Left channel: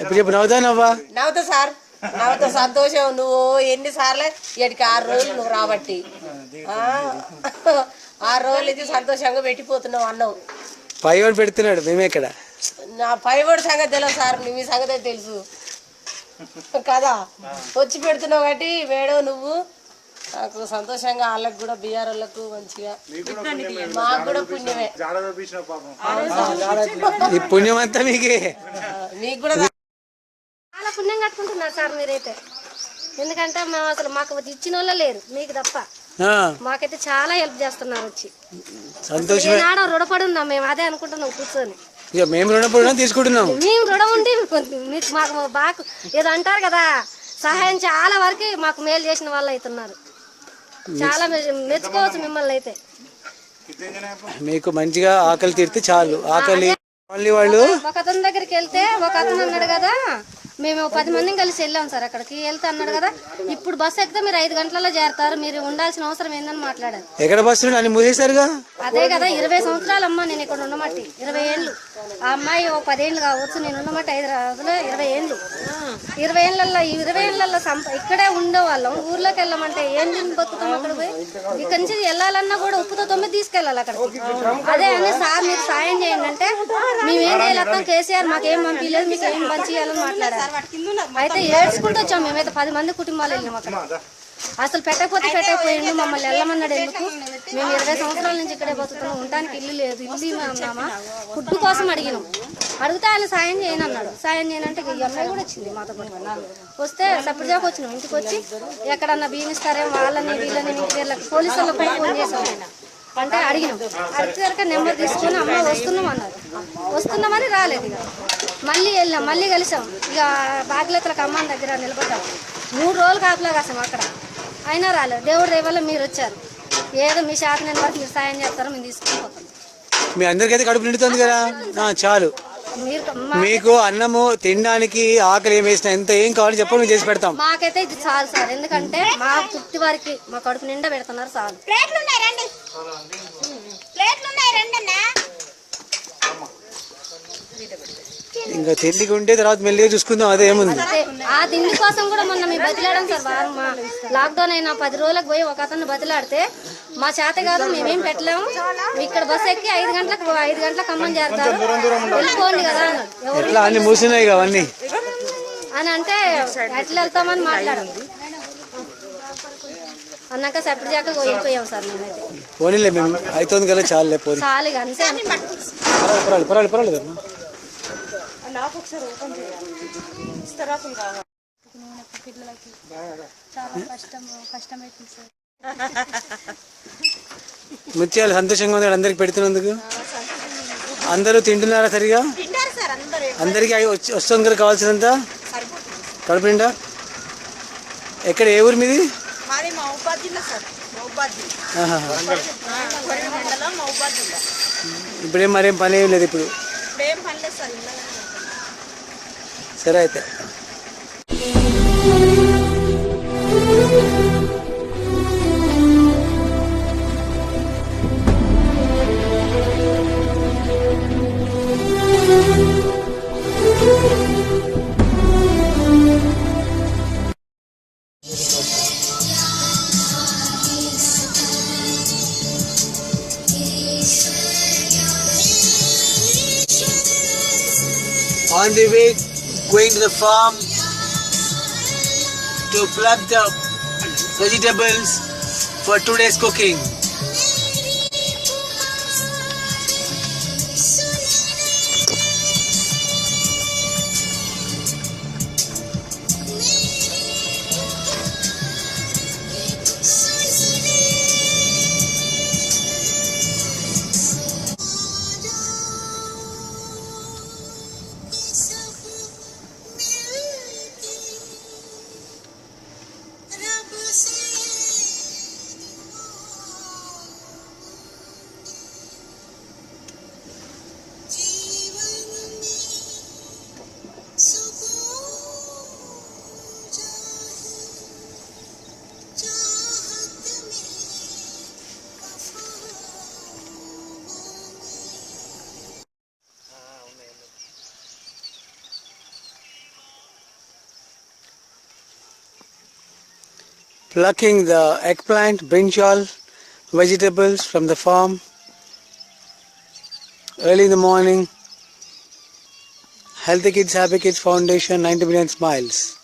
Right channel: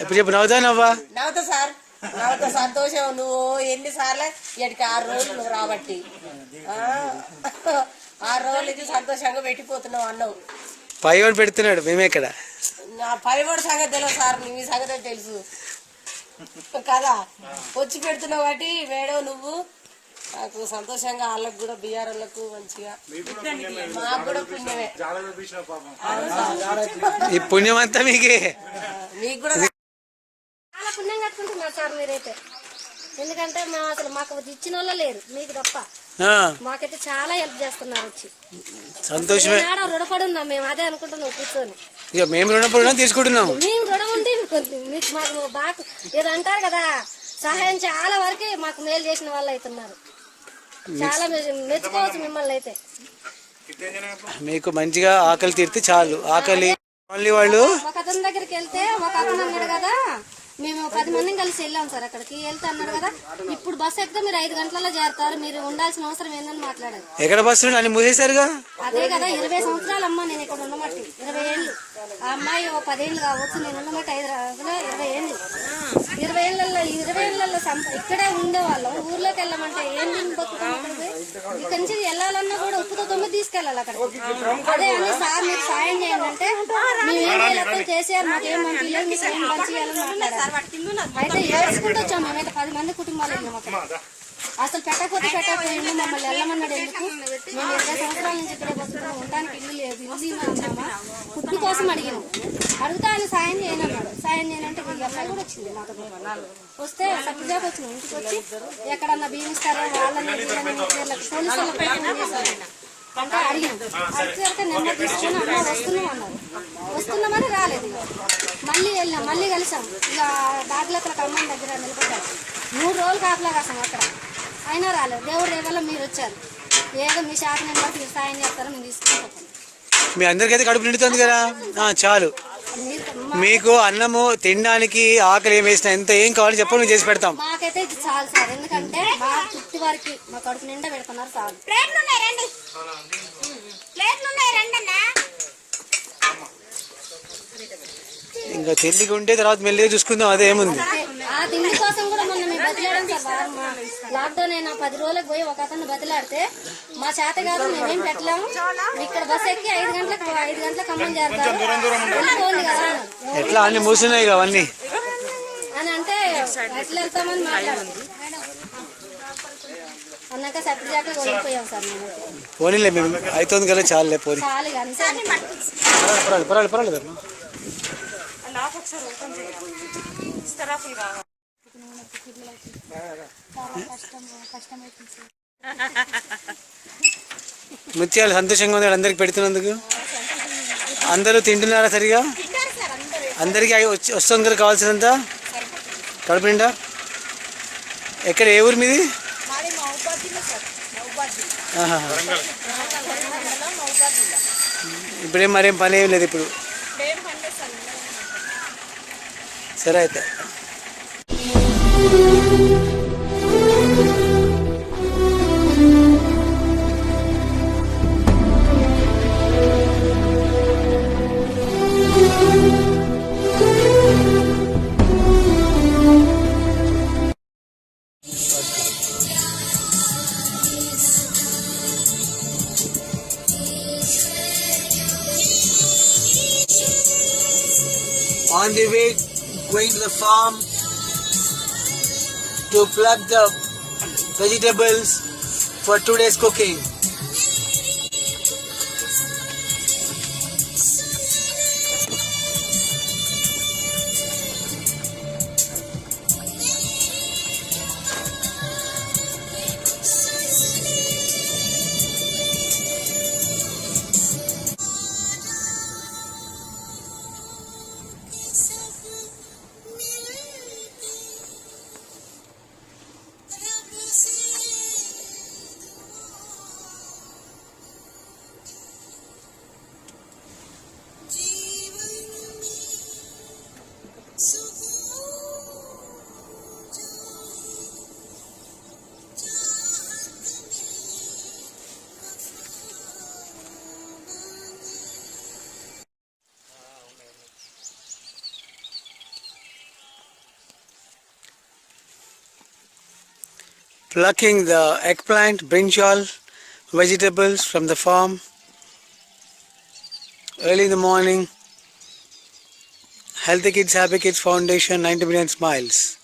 ఇప్పుడు చెప్పు, నవ్వుతానవ్వా? నవ్వుతా సార్, నవ్వుతా. సంతోషం. నువ్వు ఎన్నిసార్లు ఇక్కడికి 6 రోజులు నువ్వు రాబట్టి 6 రోజులు ఇది సంతోషంగా పెట్టిపోతున్నావు అన్నావు. పైవాడు పెడుతున్నాడు, మేమే ఇక్కడ. నా పైవాడి సంగతి తెలియదు సార్, మీ సంగతి తెలుసు కదా. వచ్చి పెడుతున్నావు కాబట్టి మేడం నువ్వు నాకు సంతోషంగా. వాళ్ళకి కూడా బీఆర్ వాళ్ళకు మంచిగా, మాకు కూడా పుణ్యమే. ఈ పుణ్యం అంతా మీకే. మీకు కూడా చాలా పుణ్యం కట్టుకుంటున్నారు సార్ మీరైతే. ఎందుకంటే మేము అసలు మాకు ఇచ్చిన వాళ్ళే లేరు, మీకు తప్ప. మాకైతే చాలా హెల్ప్ చేస్తున్నారు వచ్చి. సంతోషమే. రుణపడి ఉన్నాం మేము, అదే అనుకుంటున్నాం కూర్చొని. మేము రుణపడి తీసుకుంటున్నాం. మేము రుణం ఉండి మీకు మాకు బాగా ఏదో అంటారు కదా, సహాయం చాలా వరకు మాకు మేలు చేసిన వాళ్ళు అవుతున్నారు. చాలా మెచ్చుకోవచ్చు మిమ్మల్ని అయితే. మీకు మంచిగా ఆకలి తీరితే చాలు. ఆకలి వాళ్ళు ఒక అతని దగ్గరికి వెళ్తే ఒక అతను అన్నాడు కదా, మేము 10 మందిని కలిసి వెళ్ళాం సార్ అక్కడికి. వెళ్తే అన్నాడు కదా, ఇప్పుడు బస్సు ఎక్కితే మీరు 5 గంటలలో చేరతారు, మీరు ఉండాల్సిన అవసరం ఏందని మాట్లాడారు. ఎక్కడ బస్సు అని మూసేశారుగా. అదే కదా, 20 సంవత్సరాలు అమ్మ నేను ఇక్కడ ఉండమట్టి. 20 ఏళ్ళు. ఆ అమ్మాయి 10 ఏళ్ళు కావచ్చు, నేను ఉండమట్టి 5 రోజులు 20 ఏళ్ళు. 20 ఏళ్ళల్లో ఇక్కడే ఉండేవాళ్ళం. ఊర్లోకి వెళ్ళమంటే ఏం తిని బతుకుతాం అక్కడ పోయి. ఇక్కడి నుంచి వెళ్ళాలన్నా కూడా ఉప్పుతో 9 తీసుకెళ్ళాలి అక్కడికి. అదే అని సార్ మీరు సాయం చేయండి అంటే, మేమేం చేయలేస్తాం, కేసీఆర్ మాకేం పంపించలేదు, మీకు ఏం పంచేయాలని మాట్లాడారు. అయితే ఏడ్చుకుంటూ వచ్చాం మేమైతే. 10 మంది కుటుంబాలు వెళ్ళాం అక్కడ. అసలు పెట్టకపోయిండు, మమ్మల్ని వెళ్ళమన్నాడు. ఎందుకు? మేము 20 సంవత్సరాల నుంచి ఇక్కడే బతుకుతున్నాం, ఉండడానికి ఇల్లు లేదు. ఇల్లు అన్నామా, ఫుడ్ కోసం అడిగినాం. అడిగితే ఆయన సాయం చేయను అన్నాడు. సాయం చేయనంటే ఈ అమ్మాయి కూడా వచ్చింది మాతో పాటు. వస్తే సపరేట్గా వచ్చినాం. ఇంటికి వచ్చి ఎక్కడన్నా బియ్యం ఇస్తారేమో వాళ్ళని వీళ్ళని ఇంటి పేర్లకు పోలీసు వాళ్ళకి కూడా ఫోన్ చేసాం. అంటే అడిగినాం. అడిగేసరికి నెంబర్ తీసుకొని అమ్మ వస్తున్నాం అన్నారు. వస్తున్నామని రాలేదు. ఇక మళ్ళీ వెళ్ళాం, మళ్ళీ కలిసాం. ఇక బాధ్యతలకు అమ్మ దగ్గర నిలబడ్డాం. 3 రోజులు కాపలా కాసాం అక్కడ. అయినా రాలేదు. దేవుడి దయ వల్ల మీరు వచ్చారు. ఏదో మీ శాతం వరకు మీరు సాయం చేస్తారో మేము తీసుకుని పోతాం. మీ అందరికైతే కడుపు నిండుతుంది కదా, చాలు. మీకు అన్నము తినడానికి ఆకలి ఏం వేసినా ఎంత ఏం కావాలో చెప్పండి, మేము చేసి పెడతాం. మాకైతే ఇది చాలు సార్, ఎందుకంటే మా తృప్తి వారికి మా కడుపు నిండా పెడుతున్నారు చాలు. ఇంకా తిండికి ఉంటే తర్వాత మెల్లిగా చూసుకుందాం, అదే ఏముంది. ఆ తిండి కోసం కూడా మొన్న మేము బతిలాడాం సార్. మా లాక్డౌన్ అయినా 10 రోజులకు పోయి ఒక అతను బతిలాడితే మా చేత కాదు, మేమేం పెట్టలేము, ఇక్కడ బస్ ఎక్కి 5 గంటలకు అమ్మని చేస్తారు, వెళ్ళిపోండి కదా అన్నారు. ఎట్లా అన్ని మూసినాయి అవన్నీ అని అంటే ఎట్లా వెళ్తామని మాట్లాడాం. అన్నాక సపరేట్ జాక వెళ్ళిపోయాం సార్ మేమైతే. పోనీలే, మేము అవుతుంది కదా, చాలులే పోనీ. చాలు అంతే. పర్వాలేదు. ముత్యాలు సంతోషంగా ఉంది అందరికి పెడుతున్నందుకు. అందరూ తింటున్నారా సరిగా? అందరికీ వస్తుంది కదా కావాల్సినంత కడుపు నిండా. ఎక్కడ, ఏ ఊరు మీది? ఇప్పుడేం మరేం పని ఏం లేదు ఇప్పుడు. సరే అయితే. On the way, going to the farm to pluck the vegetables for today's cooking. plucking the eggplant, brinjal, vegetables from the farm early in the morning. Healthy Kids, Happy Kids Foundation, 90 million smiles.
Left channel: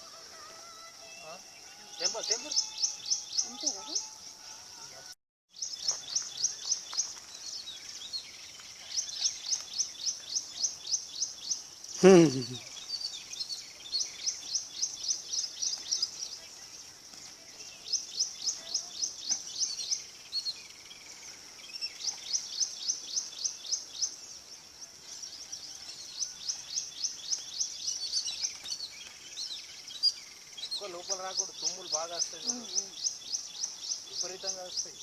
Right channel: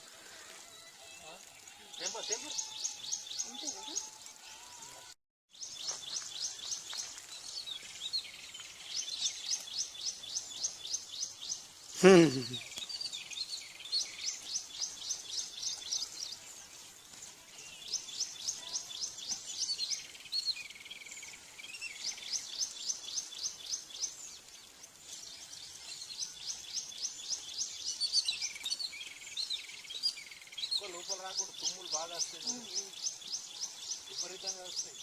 లోపల రాకూడదు, తుమ్ములు బాగా వస్తాయి, విపరీతంగా వస్తాయి.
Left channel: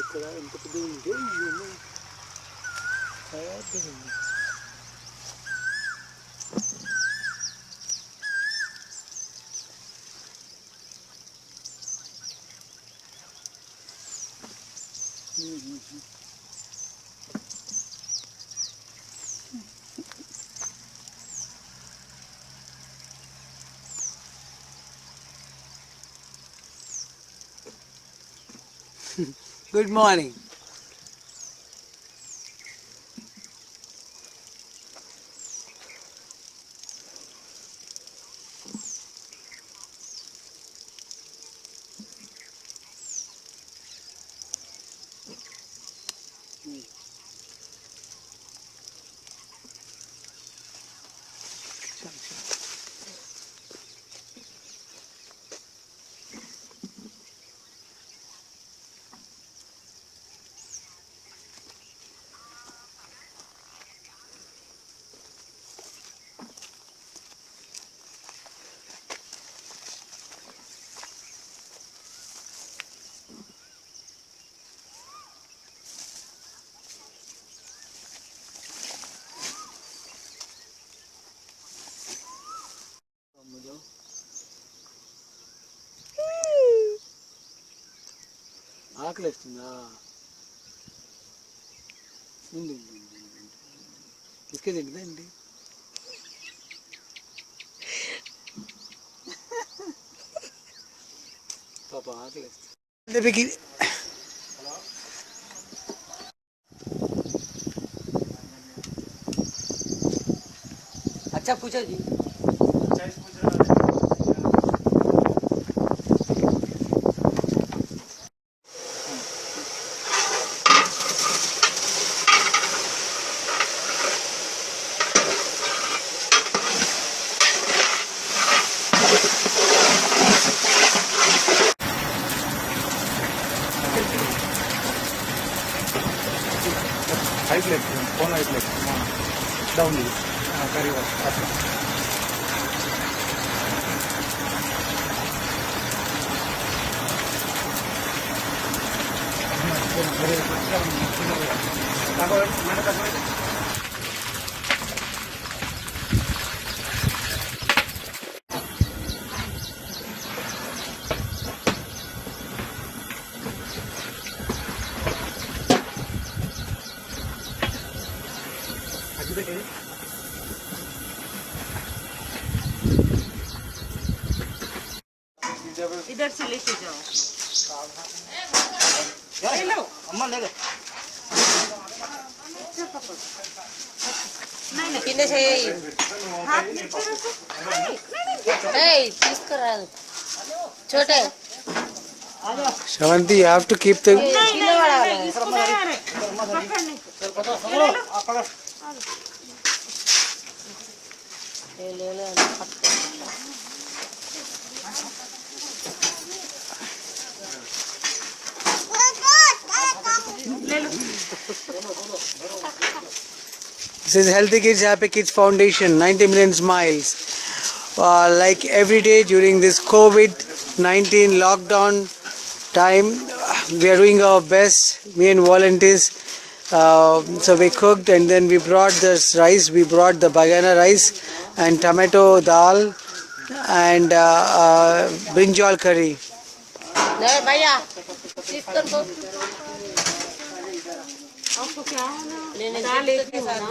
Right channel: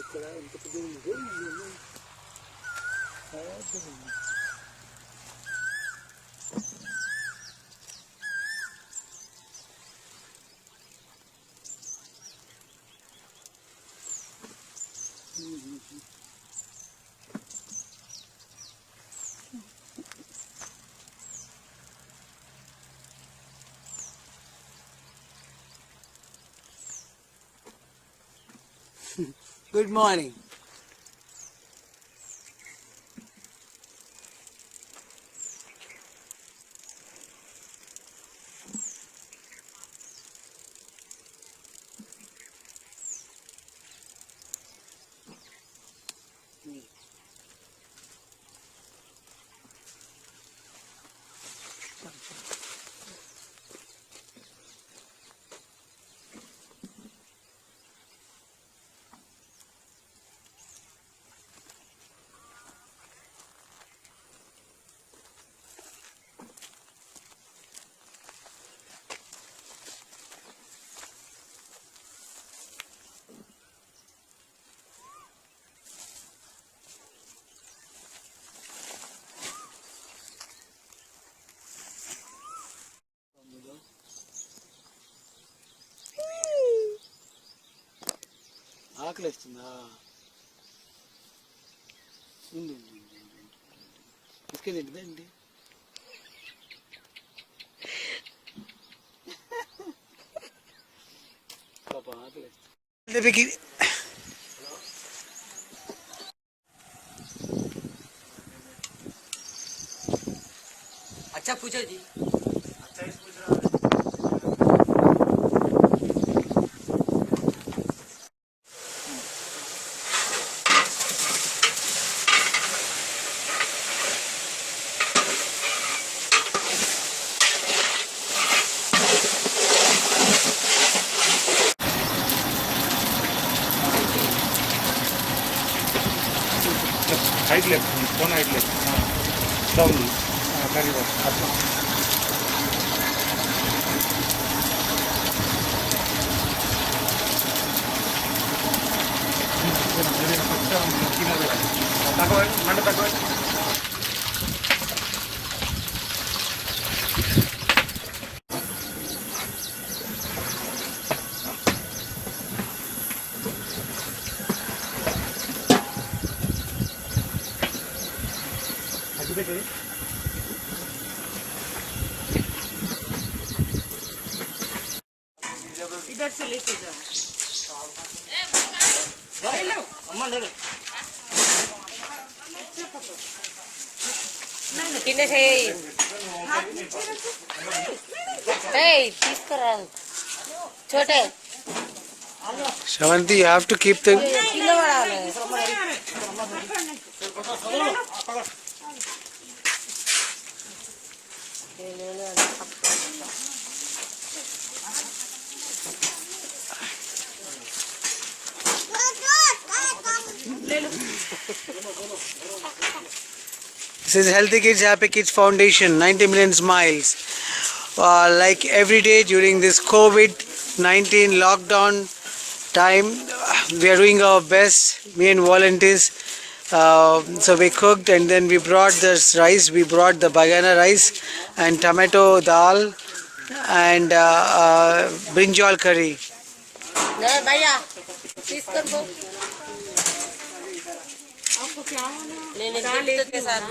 ఇక్కడ ఎంత పెద్దగా ఉంది. Good morning. ఆకలిస్తుందా? బిస్కెట్ తింటుందండి. పాప ఆకలిస్తుంది. अच्छा पूछो जी. Right left, phone right left, down करी वर अट्ला. इधर से लेके जाओ. ले लो. अम्मा ले ले. नहीं किन्ने से తీసుకురా छोटे. Shavanti, you have to keep the This is Healthy Kids, Happy Kids Foundation, 90 million smiles. Like every day during this COVID-19 lockdown time, we are doing our best, me and volunteers. So we cooked and then we brought this rice. We brought the bagana rice and tomato dal and brinjal curry. भैया తీసుకొని పో నేను దానికి sir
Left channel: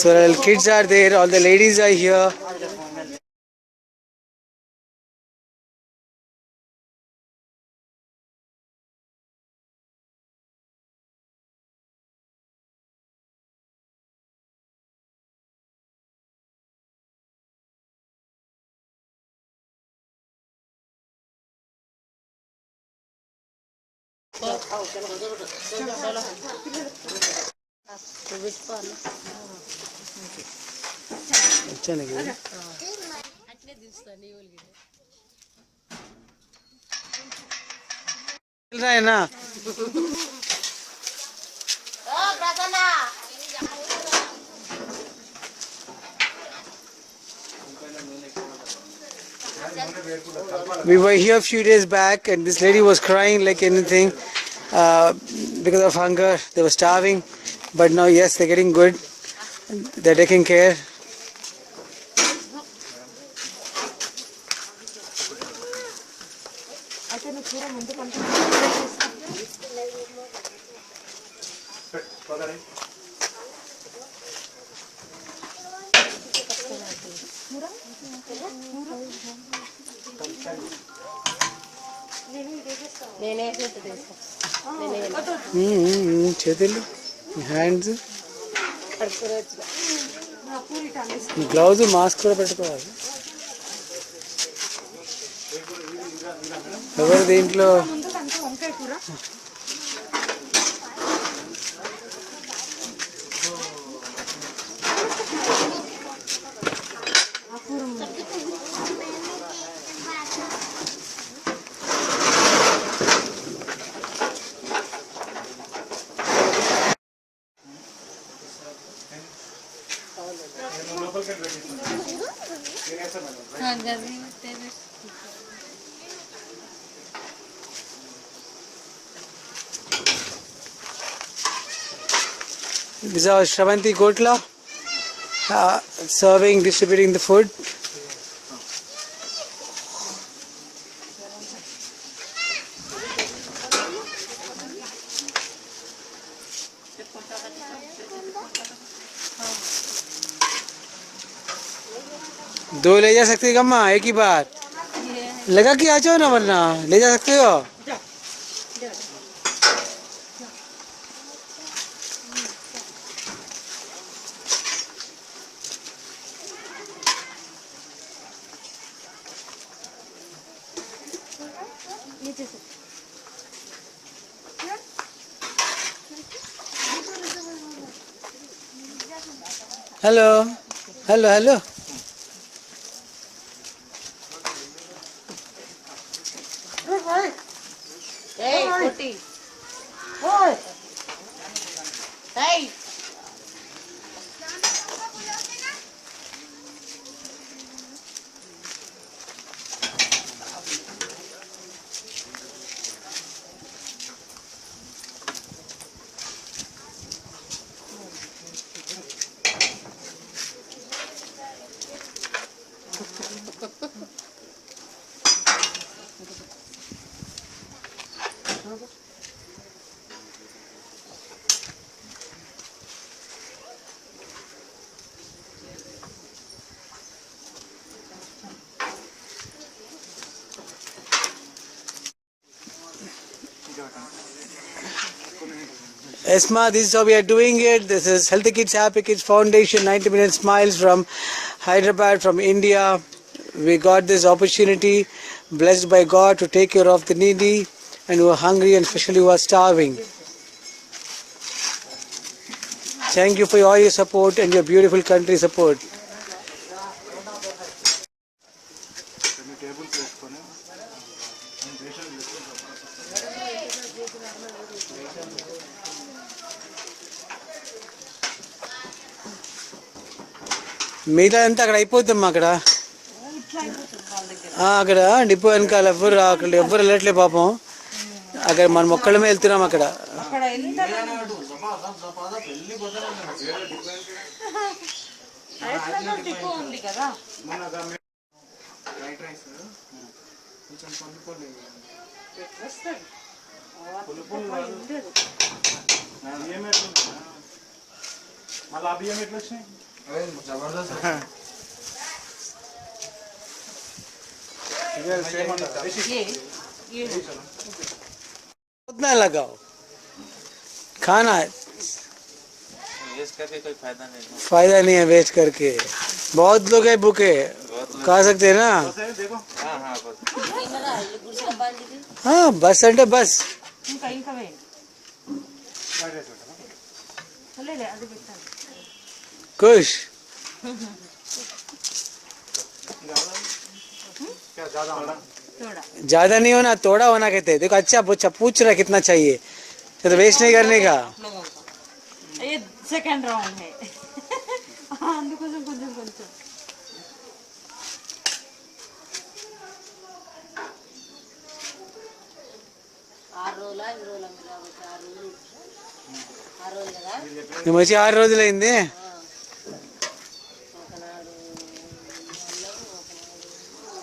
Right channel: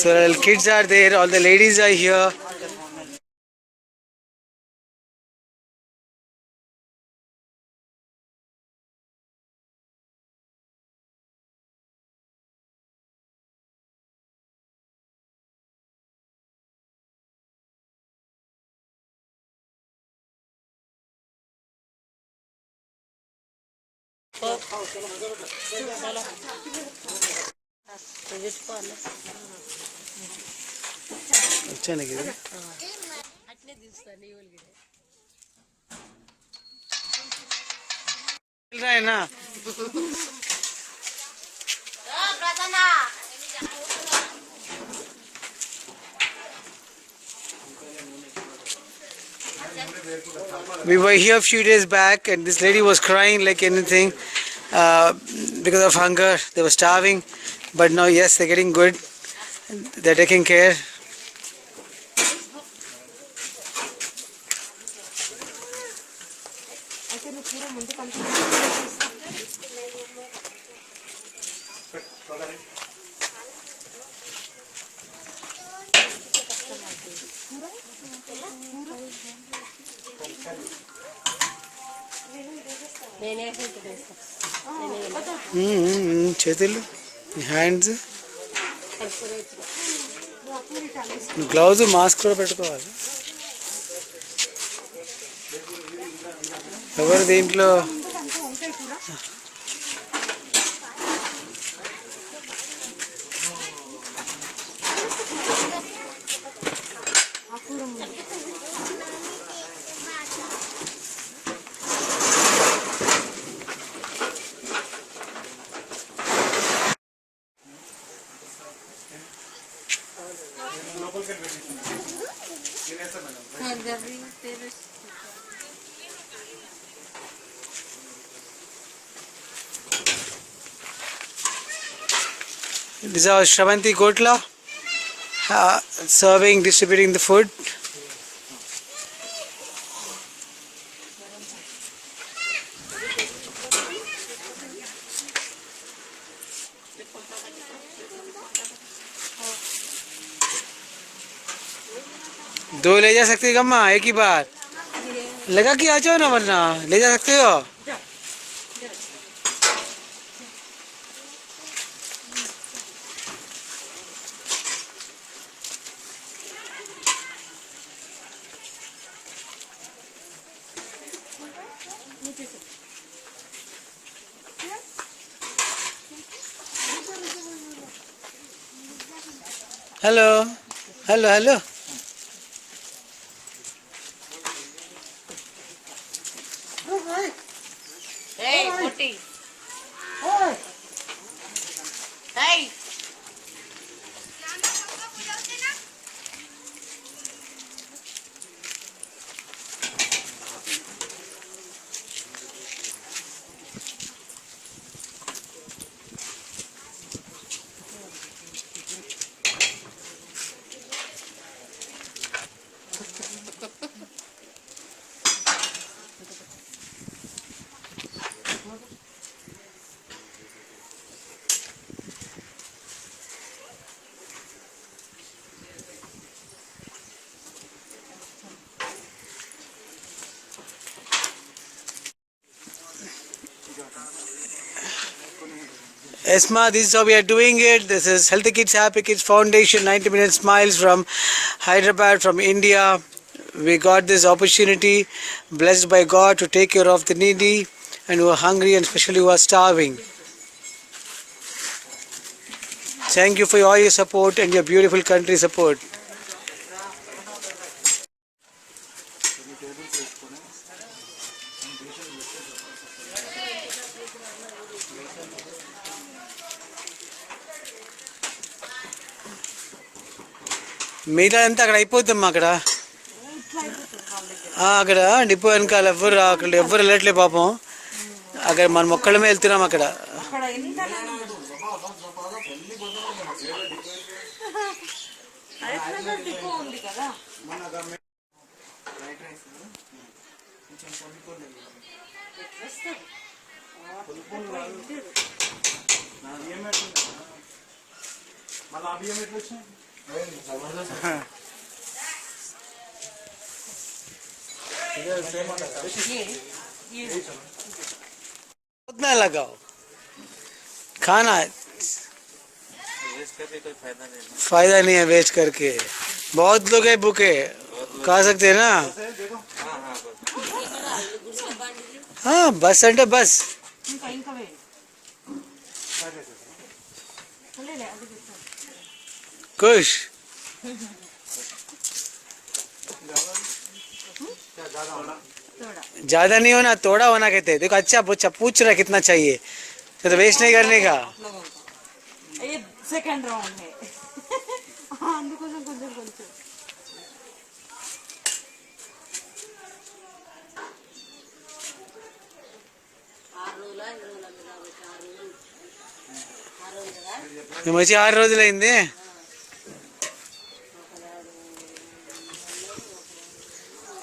So all kids are there, all the ladies are here. వచ్చాను కదా రాయనా We were here a few days back and this lady was crying like anything because of hunger. They were starving, but now yes, they're getting good. They're taking care. చేతులు hands gloves mask కూడా పెట్టుకోవాలి. ఎవరు దీంట్లో This is our Shravanti Kotla serving, distributing the food. दो ले जा सकते हो गम्मा एक ही बार लगा कि आ जाओ ना वरना ले जा सकते हो. Hello hello hello Hey, Kuti. Hey. Hey. Esma, this is how we are doing it. This is Healthy Kids Happy Kids Foundation, 90 Minute Smiles from Hyderabad, from India. We got this opportunity, blessed by God, to take care of the needy and who are hungry and especially who are starving. Thank you for all your support and your beautiful country support. మిగతా అంతా అక్కడ అయిపోతామ్మా అక్కడ అక్కడ depot వెనకాల అక్కడ ఎవ్వరు వెళ్ళట్లే పాపం. అక్కడ మనం ఒక్కళ్ళమే వెళ్తున్నాం అక్కడ. उतना लगाओ खाना फायदा नहीं है वेस्ट करके. बहुत लोग है भूखे, खा सकते हैं ना. हाँ बस అంటే బస్ खुश ज्यादा नहीं होना, थोड़ा होना कहते हैं. देखो अच्छा पूछ रहा कितना चाहिए, तो वेस्ट नहीं करने का. ये सेकंड राउंड है. అందుకోసం కొంచెం కొంచెం మేము వచ్చి 6 రోజులైంది.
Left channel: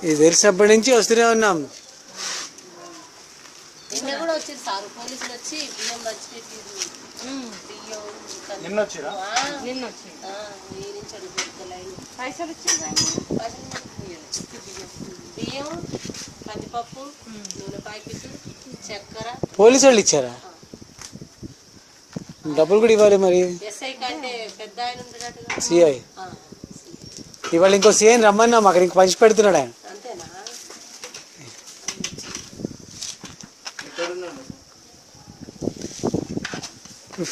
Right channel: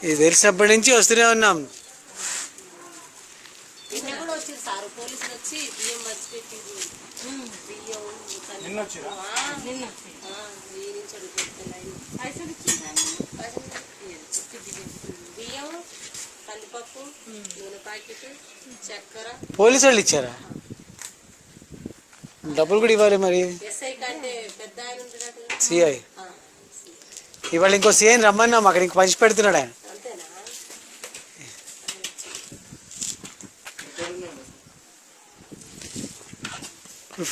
ఇది తెలిసినప్పటి నుంచి వస్తూనే ఉన్నాం. నిన్న వచ్చిరా పైసలు బియ్యం, కందిపప్పు, నూనె ప్యాకెట్, చక్కెర. పోలీసు వాళ్ళు ఇచ్చారా? డబ్బులు కూడా ఇవ్వాలి మరి. ఎస్ఐ కంటే పెద్ద ఆయన ఉంటాడు సిఐ. ఇవాళ ఇంకో సిఐ రమ్మన్నాం, అక్కడ ఇంక పంచి పెడుతున్నాడు ఆయన. అంతేనా?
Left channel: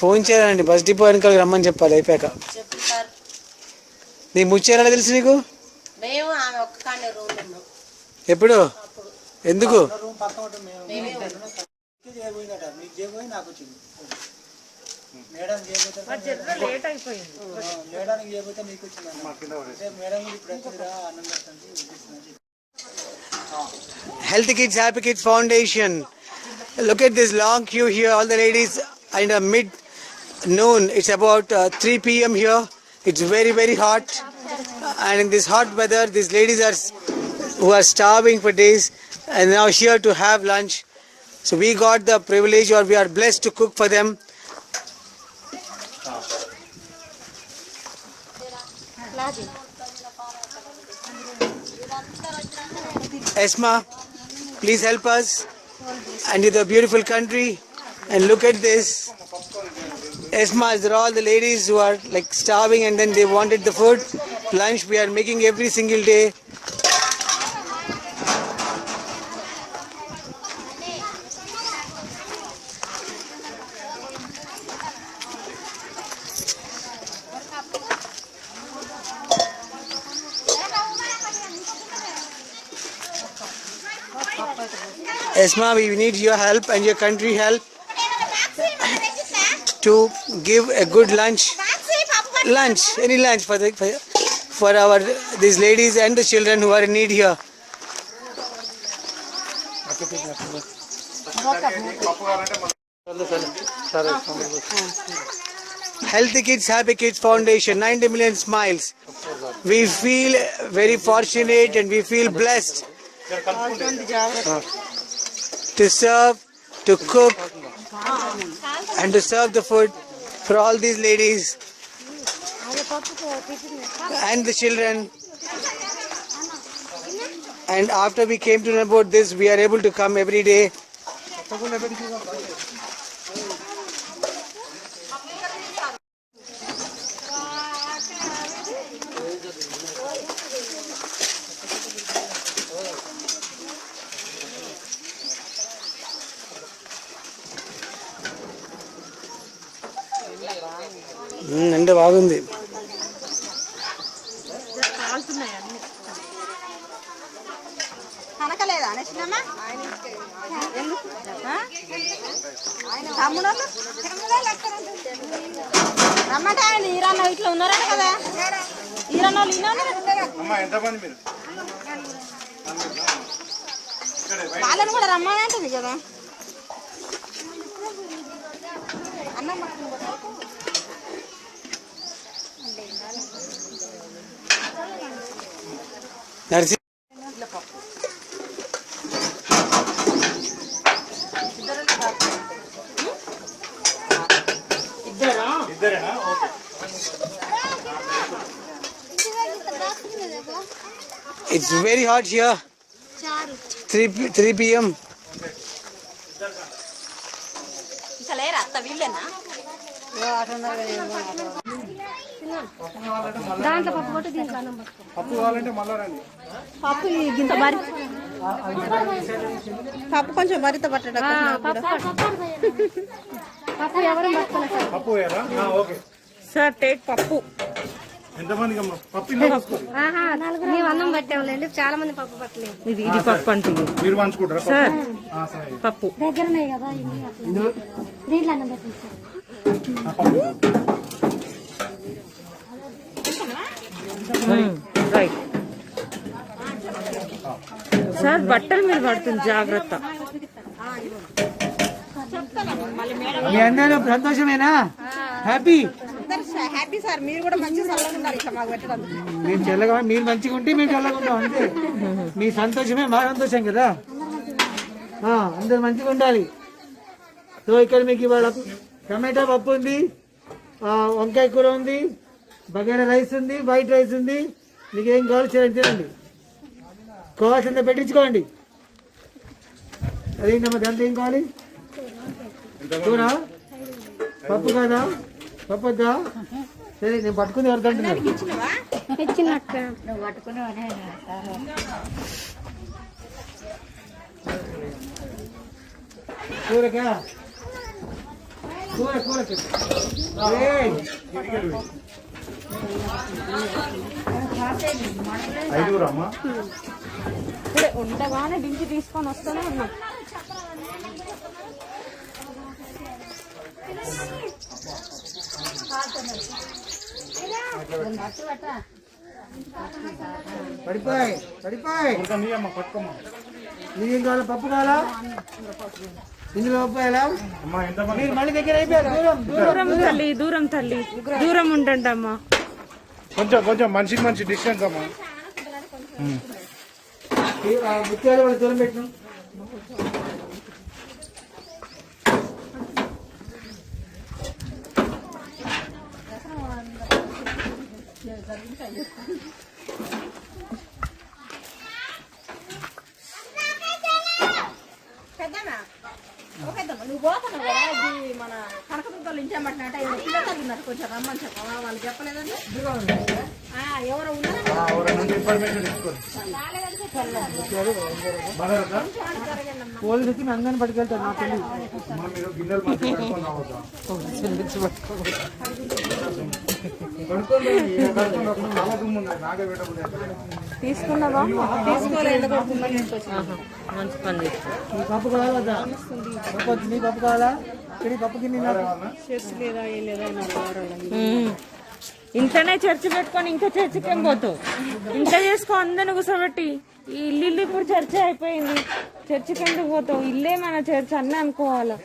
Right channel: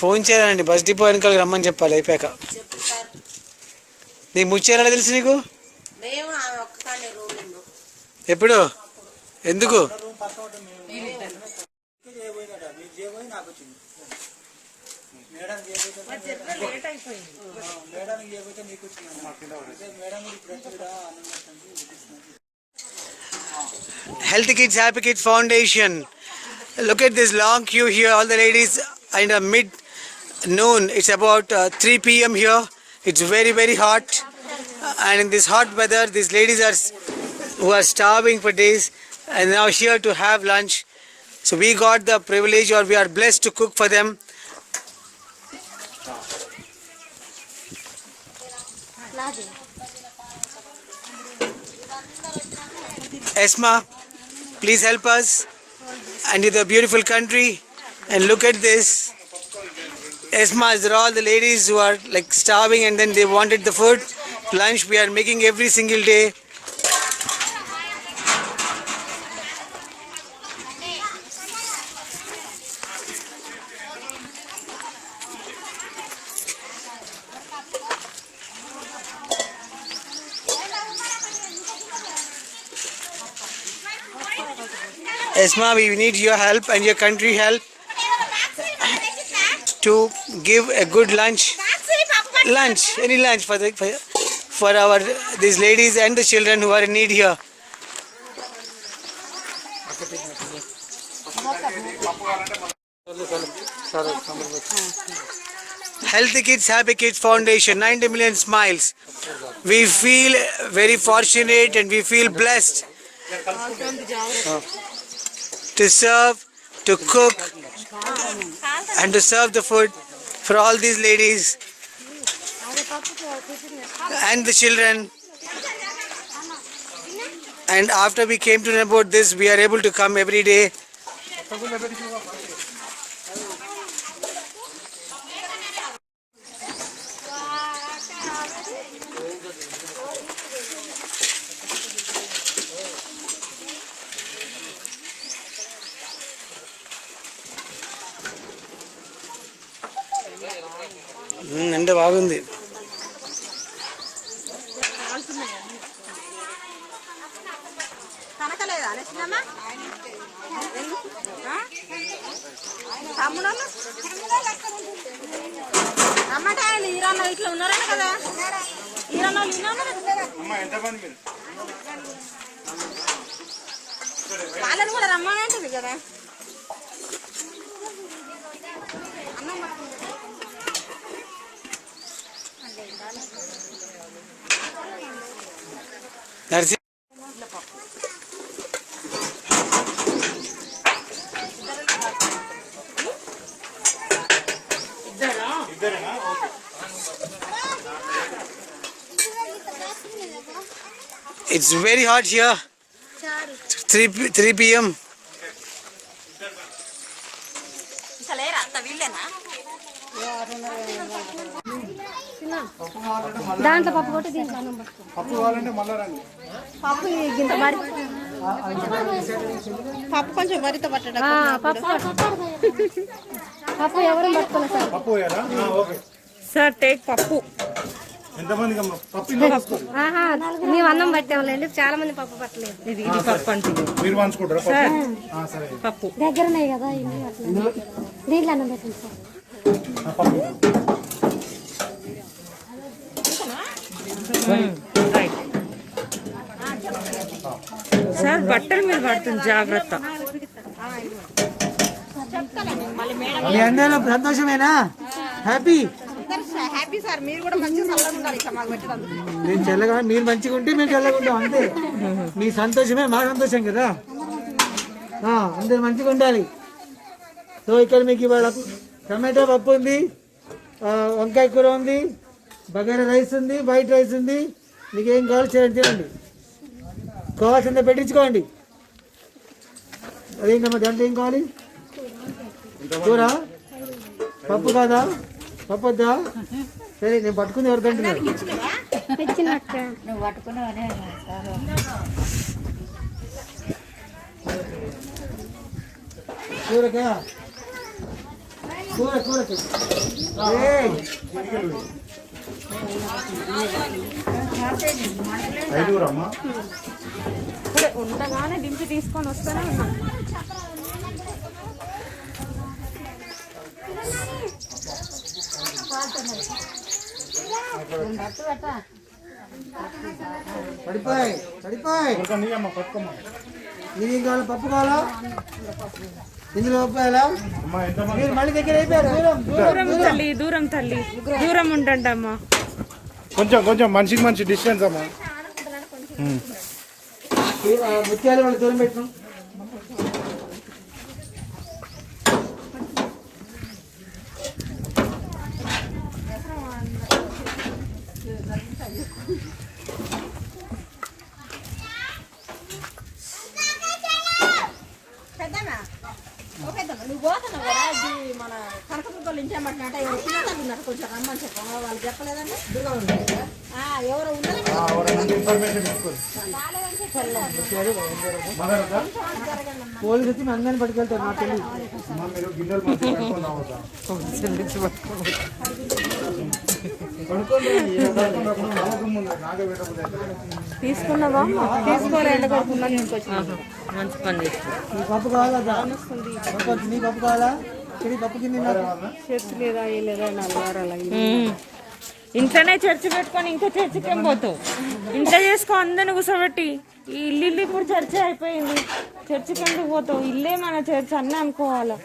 ఫోన్ చేయాలండి, బస్ డిపో వెనకాల రమ్మని చెప్పాలి అయిపోయాక. చెప్పు సార్. నీకు ముచ్చేయాలా తెలుసు నీకు? మేము ఆమె ఒక్క కాడే రూమ్ ఉన్నాం. ఎప్పుడు? ఎందుకు? లేట్ అయిపోయింది. Healthy Kids Happy Kids Foundation. Look at this long queue here. All the ladies in the mid noon. It's about 3 p.m. here. It's very very hot, and in this hot weather, these ladies who are starving for days and now here to have lunch. So we got the privilege, or we are blessed to cook for them. Esma, please help us and to the beautiful country. And look at this. Esma, these are all the ladies who are like starving and then they wanted the food. Lunch we are making every single day. Esma, we need your help and your country help to give a good lunch, any lunch for our these ladies and the children who are in need here. Healthy Kids Happy Kids Foundation, 90 million smiles. We feel very fortunate and we feel blessed to serve, to cook and to serve the food for all these ladies and the children. And after we came to know about this, we are able to come every day. ఎండ బాగుంది. రమ్మంటే ఇట్లా ఉన్నారా కదా. అమ్మ ఎంతమంది మీరు? వాళ్ళని కూడా రమ్మనంటుంది కదా. నర్సి ఇద్దరేనా? Okay. It's very hot here. 3 p.m. లేరా అత్త వీళ్ళేనా? దాంట్లో పప్పు కొట్టి దీంట్లో అన్నం పట్టుకో. పప్పు కావాలంటే మళ్ళా రండి. పప్పు కొంచెం మరితో పట్టడం. పప్పు ఎవరు పట్టుకున్నా సార్. పప్పు వేయాలా? ఓకే. సార్ టేక్ పప్పు. ఎంతమందికి అమ్మ? పప్పు ఇంట్లో తీసుకోండి. మేము అన్నం పట్టాములేండి, చాలా మంది పప్పు పట్టలేదు. ఇది పప్పు అంటే మీరు పంచుకుంటారా పప్పు? సరే. పప్పు దగ్గర ఉన్నాయి కదా దీంట్లో అన్నం పెట్టండి సార్. పప్పు రైట్. సార్ బట్టలు మీరు పడుతుంది జాగ్రత్త. మీ అందరూ సంతోషమేనా? హ్యాపీ? Happy sir. మీరు కూడా మంచిగా చల్లగా ఇట్లా మాకు పెట్టడం. మేము చల్లగా, మీరు మంచిగా ఉంటే మేము చల్లగా ఉంటాం అంతే. మీ సంతోషమే మా సంతోషం కదా. అందరు మంచిగా ఉండాలి. సో ఇక్కడ మీకు ఇవాళ టమాటో పప్పు ఉంది, వంకాయ కూర ఉంది, బగారా రైస్ ఉంది, వైట్ రైస్ ఉంది. మీకు ఏం కావాలి చేయండి, తినండి. కావాల్సిందే పెట్టించుకోండి. అదేంటమ్మా దాంట్లో ఏం కావాలి? కూర? పప్పు కాదా? పప్పు వద్దా? సరే నేను పట్టుకుని ఎవరికి అంటున్నాను. కూరకా? కూర కూర ఐదుగురు అమ్మ. ఇప్పుడే ఉండగానే దించి తీసుకొని వస్తూనే ఉన్నాం. పడిపోయి పడిపోయి. నీ అమ్మ పట్టుకోమ్మ. నీకేం కావాలా? పప్పు కావాలా? ఇందులో పప్పు వేయాలా? అమ్మ ఎంతమంది? మీరు మళ్ళీ దగ్గర అయిపోయారు. దూరం దూరం తల్లి, దూరం తల్లి, దూరం ఉండండి అమ్మా. కొంచెం కొంచెం మనిషికి మంచి డిస్టెన్స్ అమ్మ. ముత్యాలు వాళ్ళ దూరం పెట్టిన. నువ్వు పోతున్నావు కదా, ఇది మన కనకదుర్గలు ఇంచేమంటున్నట్ట ఎవరు పిల్లలు ఉన్నారు, కొంచెం రమ్మని చెప్పాము. వాళ్ళు చెప్పలేదండి. ఎవరు ఉన్నారు? పోలీసు వచ్చి అందరిని పట్టుకెళ్తారు. నాకు తెలియదు. మీరు గిన్నెలు మంచిగా కడుక్కొని రావద్దా? తీసుకున్నావా? మంచి పని చేస్తా. మీ పప్పు కావాలా? పప్పు వచ్చి మీ పప్పు కావాలా? ఇక్కడ పప్పు గిన్నె ఇంట్లోనే చర్చి పెట్టుకొని ఇంకా చర్చికి ఏం పోతావు? ఇంట్లో చేసుకో అందరిని కూర్చోబెట్టి. ఈ ఇల్లు ఇప్పుడు చర్చ అయిపోయింది, చర్చికి ఎందుకు పోతావు? ఇల్లే మన చర్చ్ అన్నీ అనుకోవాలా.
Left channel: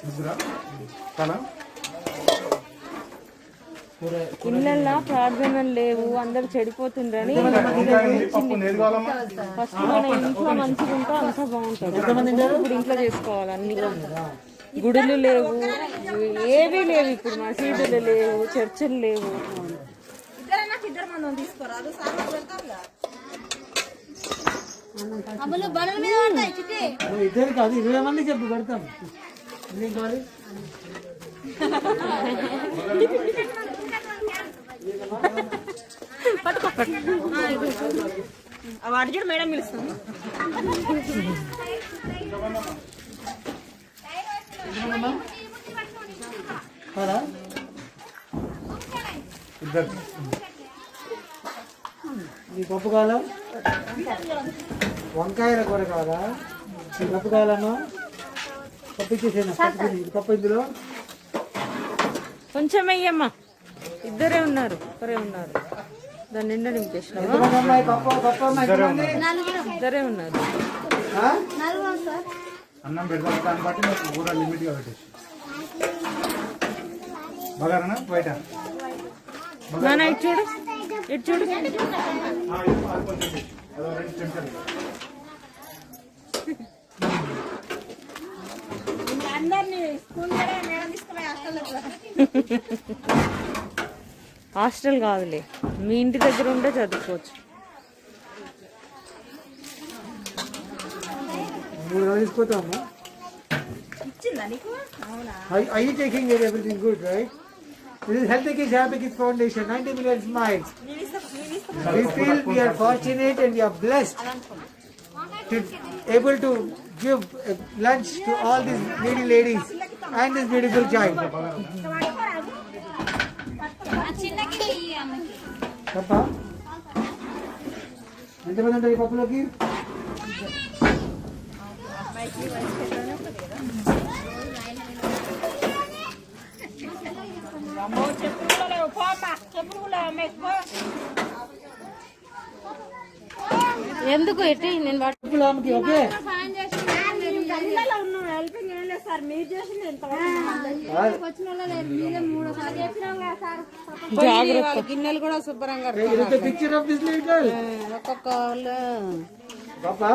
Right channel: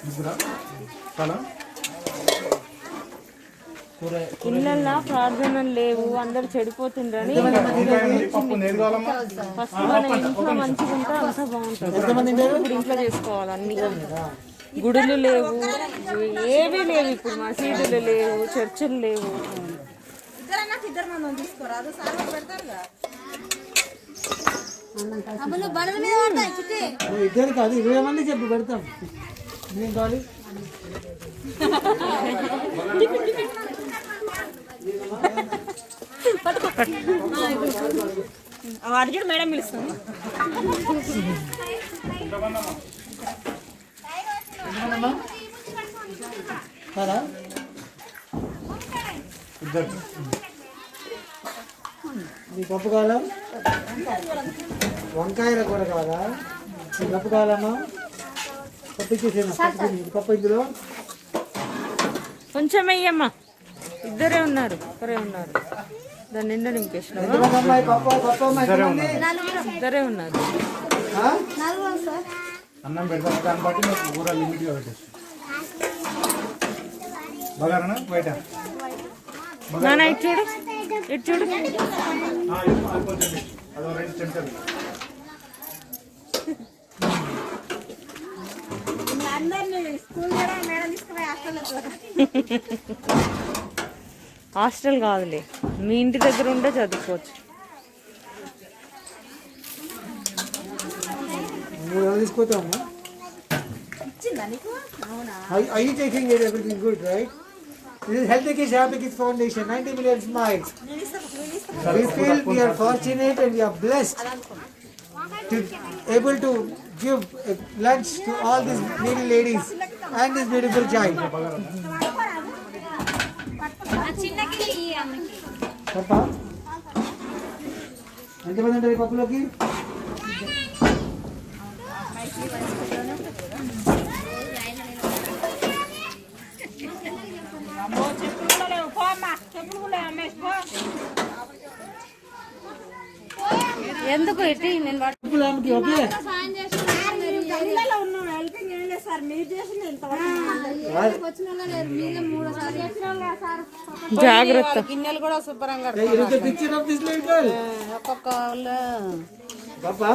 ఇళ్ళల్లో ప్రార్థనలు లేవు, అందరు చెడిపోతుండ్రని ఫస్ట్ మన ఇంట్లో మంచిగా ఉంటే అంతా బాగుంటుంది. ఇప్పుడు ఇంట్లో చేసుకోవాలి అన్ని. గుడులు లేవు, ఏవీ లేవు ఇప్పుడు. మసీదులు లేవు, చర్చిలు లేవు. ఇద్దరు కాదు 20 మంది చెప్పు పెడతాం. ఏం కావాలి? అర్జున్ మేడం పిలుస్తుంది. నీ పప్పు కావాలా? వంకాయల కూర కావాలా? నీ పప్పు కావాలమ్మా? పప్పు ఇచ్చేసేనా? పప్పు ఇందులో కొంచెం వెయ్యమ్మా. ఇద్దరే ఉన్నారు, ఒకరే ఉన్నారు. దాని నిండా నింపేసినావా? ఎంతమంది అమ్మాయి పప్పు పప్పు అమ్మాయి ఎంతమంది? ఇద్దరే ఉన్నారు. ఆ? అన్నం పెడతాం దాన్ని బట్టి నాకు కూర లిమిట్గా పెట్టేసి బగారనా బయట నాన్న ఇటు చూడు, ఇటు చూడు. అదో 2 చెంచాలు. హాస్టల్ కాదులే, మీ ఇంటి దగ్గర ఉంటే చదువుకోవచ్చు. 3 తీసుకుంటాము. Are you taking it everything good, right? This is Healthy Kids Happy Kids Foundation, 90 million smiles. We feel we are fortunate and we are blessed to able to give lunch to all these needy ladies and this beautiful child. Papa, ఎంతమంది ఉంటారు ఈ పప్పులోకి? ఎందుకు ఎట్టి నేను పప్పులోకి okay. జాగ్రత్త. గిన్నెలు కూడా శుభ్రంగా It is the picture of this little. ఒక్కొక్క Papa,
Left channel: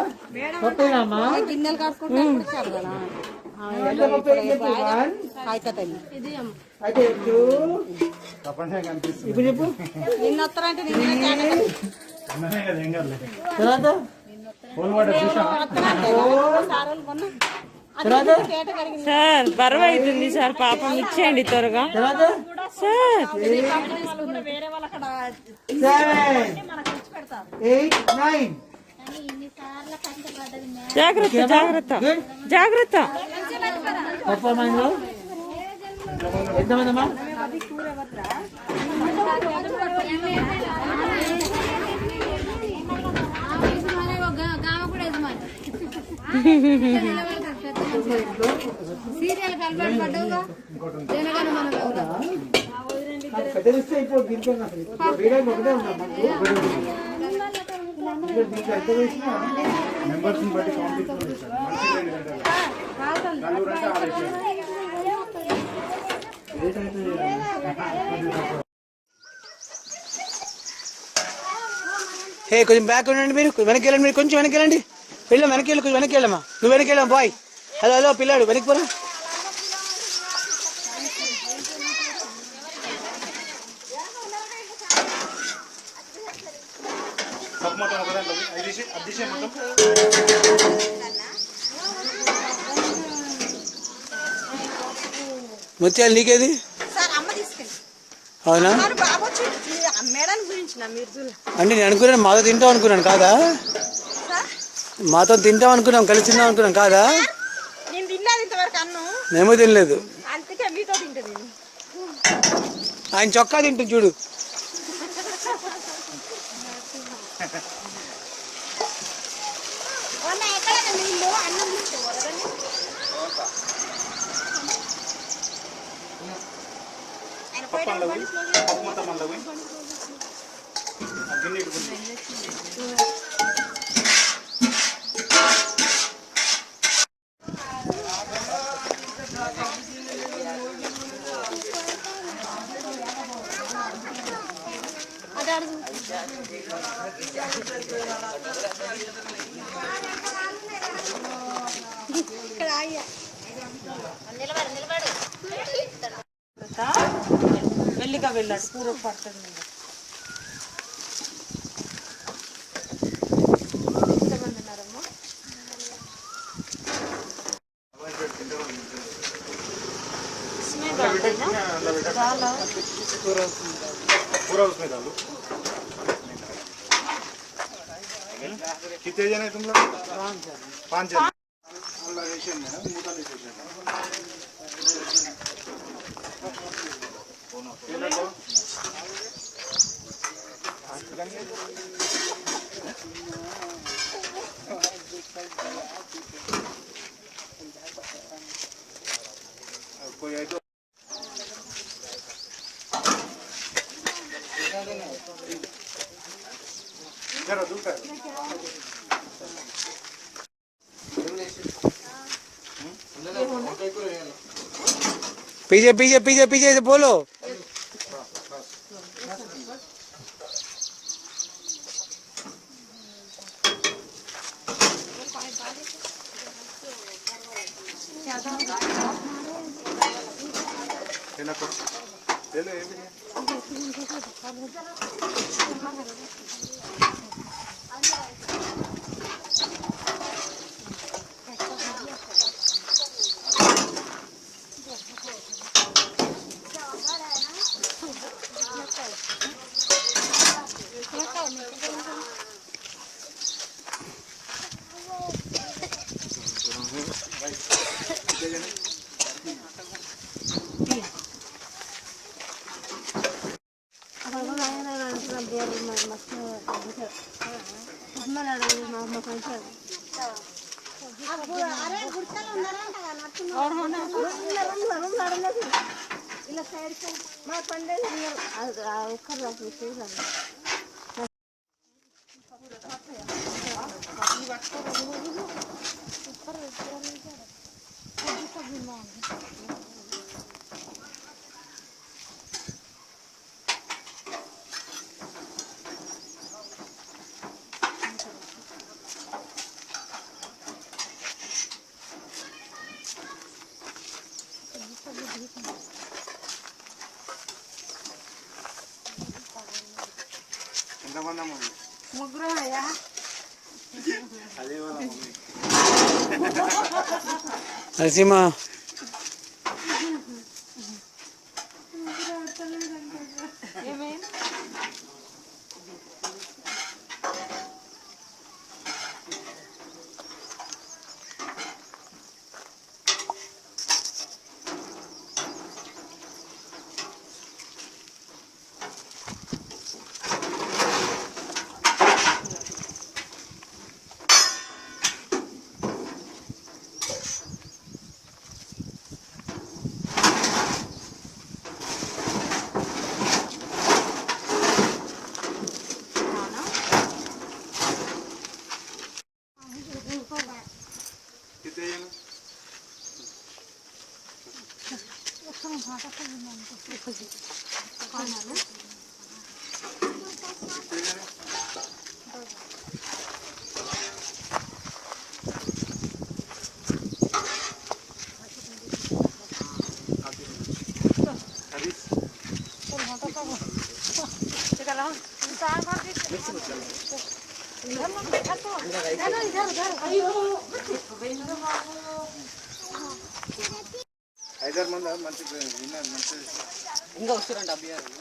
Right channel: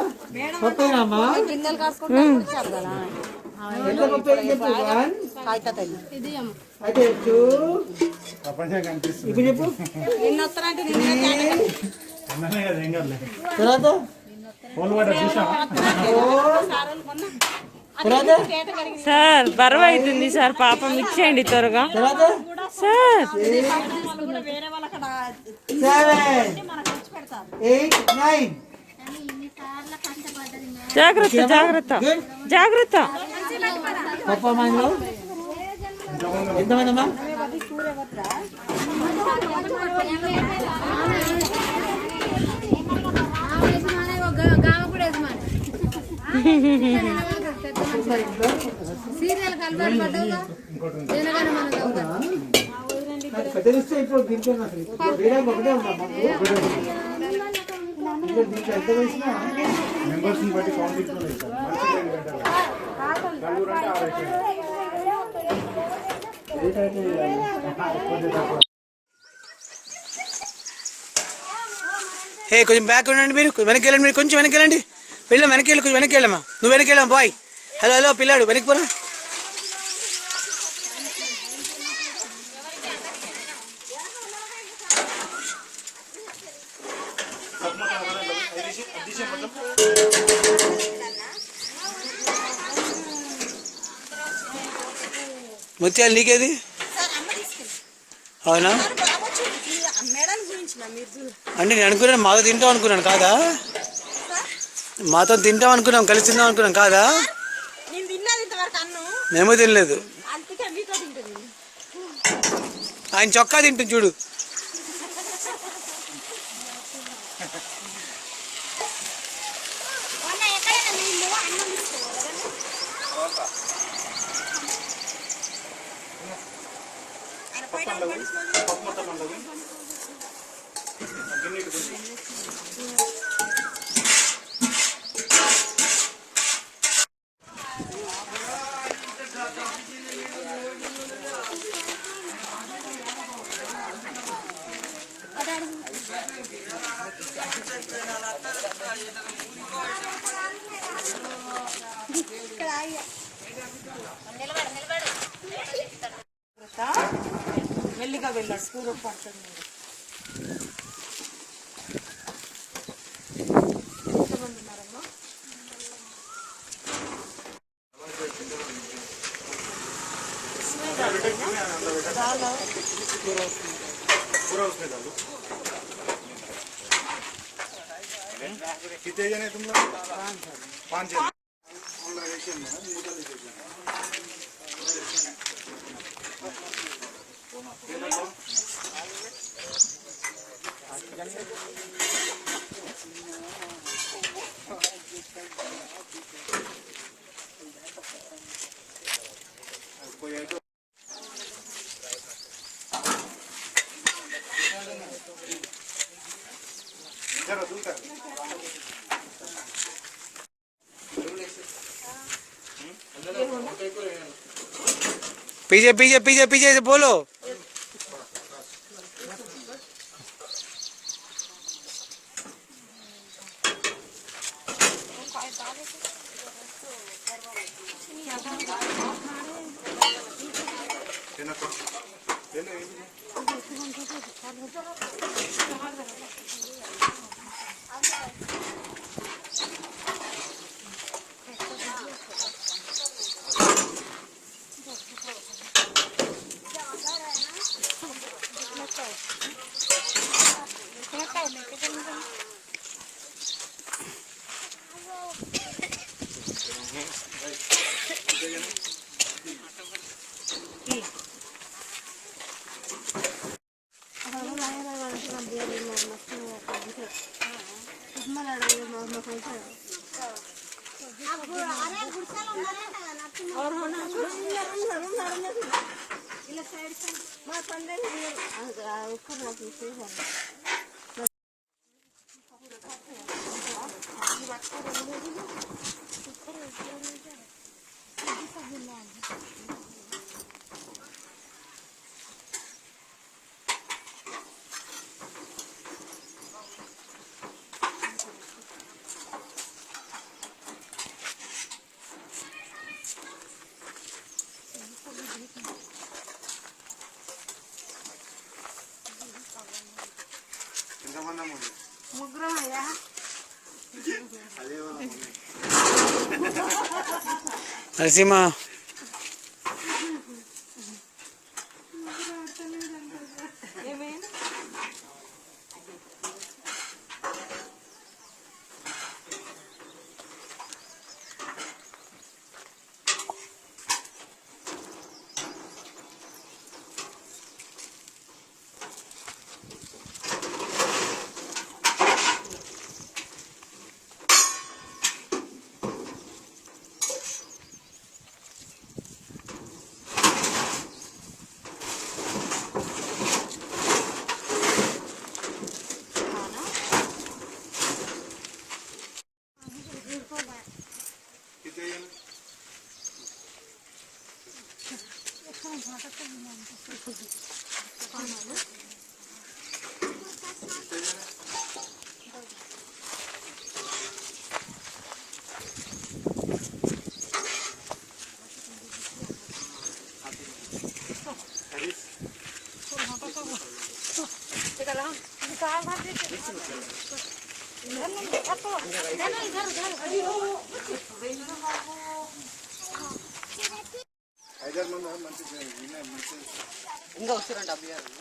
పప్పేనమ్మా? గిన్నెలు కాసుకుంటే ఇచ్చారు కదా. ఎంత పప్పు ఏం చెప్పు? 1, అయితే తల్లి అయితే 2, ప్రపంచం కనిపిస్తుంది. ఇప్పుడు చెప్పు. నిన్న వస్తారంటే అన్ననే కదా ఏం కాదు. తర్వాత ఫోన్ వాటర్ చూసావా? తర్వాత సార్ బరువు అవుతుంది సార్, పాపం ఇచ్చేయండి త్వరగా తర్వాత సార్. 7, 8, 9. జాగ్రత్త జాగ్రత్త జాగ్రత్త. పప్పు అమ్మాయిలో ఎంతమంది అమ్మా? పెద్ద ఇప్పుడు దీంట్లో వేరే ఒకటే ఉంటాం మాకు. దీంట్లో ఎంత వేసినా మెంబర్స్ని బట్టి కాంపిటీషన్ సార్. మనిషి 2 గంటలు. నలుగురు అంటే 6 అయిపోయింది. రేట్ అయితే కొంచెం తక్కువ. హే కొంచెం బ్యాక్ ఉండండి, మీరు వెనక్కి వెళ్ళండి, మీరు కొంచెం వెనక్కి వెళ్ళండి. వెళ్ళాం వెనక్కి వెళ్ళి కొంచెం వెనక్కి వెళ్ళమ్మా. నువ్వు వెనక్కి వెళ్ళాం బాయ్. హలో హలో పిల్లాడు వెనక్కి పోరా. ముత్యాలు నీకేది? అవునా? అంటే నేను అనుకున్నాను మాతో తింటాం అనుకున్నాను, కాదా? మాతో తింటాం అనుకున్నాం, కలిసి తిందాం అనుకున్నాం, కాదా? మేము తినలేదు. ఆయన చొక్కా తింటుంది చూడు. మెల్లిగా వెళ్ళాడు, కూర పడుతుంది. पूरा उसमें डालो। कितने जने तुम लोग? 5 जन। कोई पीछे पीछे पीछे पीछे से बोलो। నరసింహ ఇంకా వస్తారంట అభ్యాసం.